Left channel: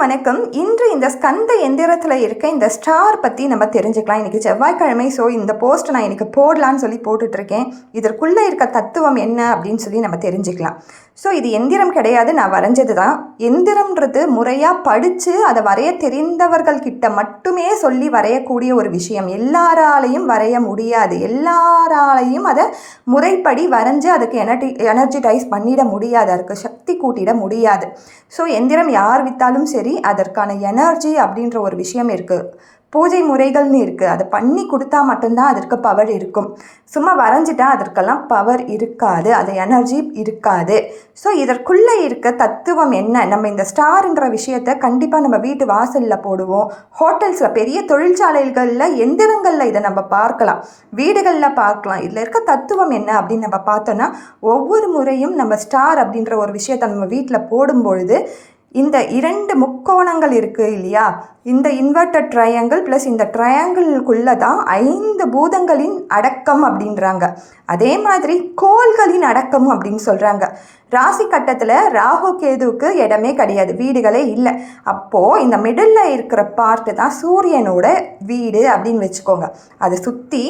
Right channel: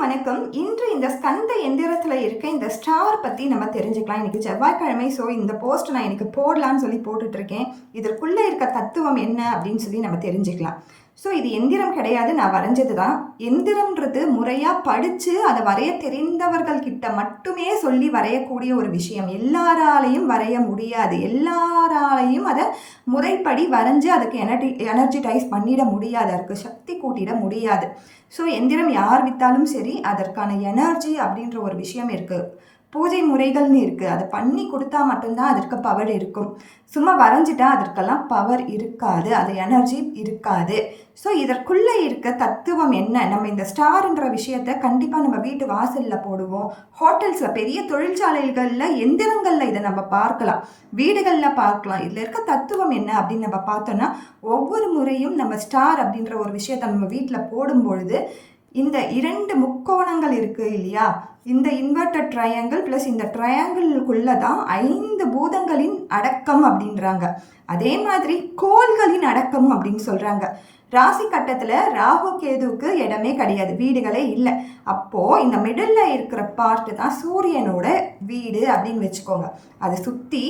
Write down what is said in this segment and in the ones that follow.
அனைவருக்கும் வணக்கம். இன்று இந்த ஸ்கந்த எந்திரத்தில் இருக்க இந்த ஸ்டார் பற்றி நம்ம தெரிஞ்சுக்கலாம். இன்றைக்கி செவ்வாய்க்கிழமை. ஸோ இந்த போஸ்ட் நான் இன்றைக்கி போடலான்னு சொல்லி போட்டுட்ருக்கேன். இதற்குள்ளே இருக்க தத்துவம் என்ன அப்படின்னு சொல்லி நம்ம தெரிஞ்சுக்கலாம். ஸோ இது எந்திரம் கிடையாது, நான் வரைஞ்சது தான். எந்திரம்ன்றது முறையாக படித்து அதை வரைய தெரிந்தவர்கள்கிட்ட மட்டுமே சொல்லி வரையக்கூடிய ஒரு விஷயம். எல்லாராலையும் வரைய முடியாது, எல்லாராலையும் அதை முறைப்படி வரைஞ்சி அதுக்கு எனர்ஜிடைஸ் பண்ணிட முடியாது, அதுக்கு சக்தி கூட்டிட முடியாது. ஸோ எந்திரம் யார் விற்றாலும் சரி, அதற்கான எனர்ஜி அப்படின்ற ஒரு விஷயம் இருக்குது, பூஜை முறைகள்னு இருக்குது. அதை பண்ணி கொடுத்தா மட்டும்தான் அதற்கு பவர் இருக்கும். சும்மா வரைஞ்சிட்டா அதற்கெல்லாம் பவர் இருக்காது, அது எனர்ஜி இருக்காது. ஸோ இதற்குள்ளே இருக்க தத்துவம் என்ன? நம்ம இந்த ஸ்டார்ன்ற விஷயத்தை கண்டிப்பாக நம்ம வீட்டு வாசலில் போடுவோம், ஹோட்டல்ஸில், பெரிய தொழிற்சாலைகளில், எந்திரங்களில் இதை நம்ம பார்க்கலாம், வீடுகளில் பார்க்கலாம். இதில் இருக்க தத்துவம் என்ன அப்படின்னு நம்ம பார்த்தோன்னா, ஒவ்வொரு முறையும் நம்ம ஸ்டார் அப்படின்ற ஒரு விஷயத்தை நம்ம வீட்டில் போடும்பொழுது இந்த 2 முக்கோணங்கள் இருக்குது இல்லையா, இந்த இன்வெர்டட் ட்ரையாங்கிள் ப்ளஸ் இந்த ட்ரையாங்கிள்குள்ளே தான் 5 பூதங்களின் அடக்கம் அப்படின்றாங்க. அதே மாதிரி கோள்களின் அடக்கமும் அப்படின்னு சொல்கிறாங்க. ராசி கட்டத்தில் ராகு கேதுவுக்கு இடமே கிடையாது, வீடுகளே இல்லை. அப்போது இந்த மிடில் இருக்கிற பார்ட்டு தான் சூரியனோட வீடு அப்படின்னு வச்சுக்கோங்க. அதை சுற்றி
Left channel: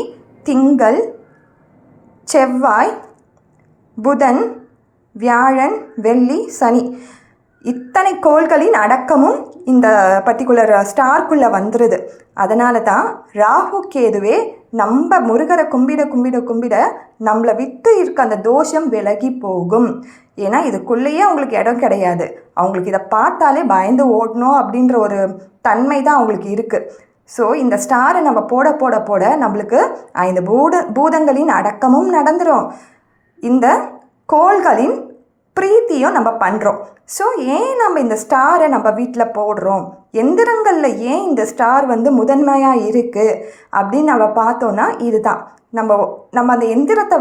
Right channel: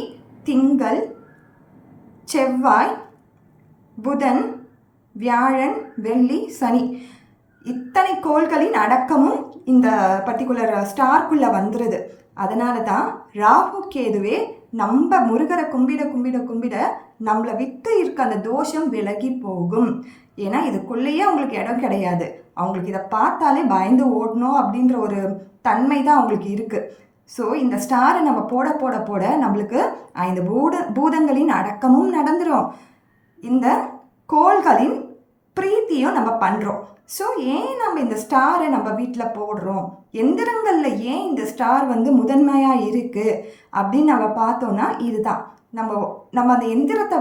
திங்கள், செவ்வாய், புதன், வியாழன், வெள்ளி, சனி, இத்தனை கோள்களின் அடக்கமும் இந்த பர்டிகுலர் ஸ்டார்க்குள்ளே வந்துடுது. அதனால தான் ராகு கேதுவே நம்ம முருகரை கும்பிட கும்பிட கும்பிட நம்மளை விட்டு இருக்க அந்த தோஷம் விலகி போகும். ஏன்னா இதுக்குள்ளேயே அவங்களுக்கு இடம் கிடையாது, அவங்களுக்கு இதை பார்த்தாலே பயந்து ஓடணும் அப்படின்ற ஒரு தன்மை தான் அவங்களுக்கு இருக்குது. ஸோ இந்த ஸ்டாரை நம்ம போட போட போட நம்மளுக்கு இந்த பூதங்களின் அடக்கமும் நடந்துடும், இந்த கோள்களின் பிரீத்தியும் நம்ம பண்ணுறோம். ஸோ ஏன் நம்ம இந்த ஸ்டாரை நம்ம வீட்டில் போடுறோம், எந்திரங்களில் ஏன் இந்த ஸ்டார் முதன்மையாக இருக்குது அப்படின்னு நம்ம பார்த்தோன்னா, இதுதான் நம்ம அந்த எந்திரத்தை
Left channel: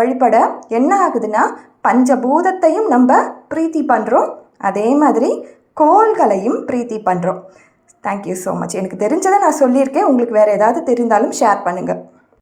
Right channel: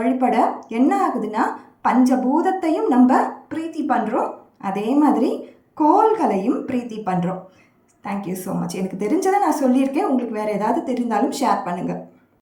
வழிபட என்ன ஆகுதுன்னா, பஞ்சபூதத்தையும் நம்ம பிரீத்தி பண்ணுறோம், அதே மாதிரி கோள்களையும் பிரீத்தி பண்ணுறோம். Thank you so much. எனக்கு தெரிஞ்சதை நான் சொல்லியிருக்கேன். உங்களுக்கு வேறு ஏதாவது தெரிந்தாலும் ஷேர் பண்ணுங்கள்.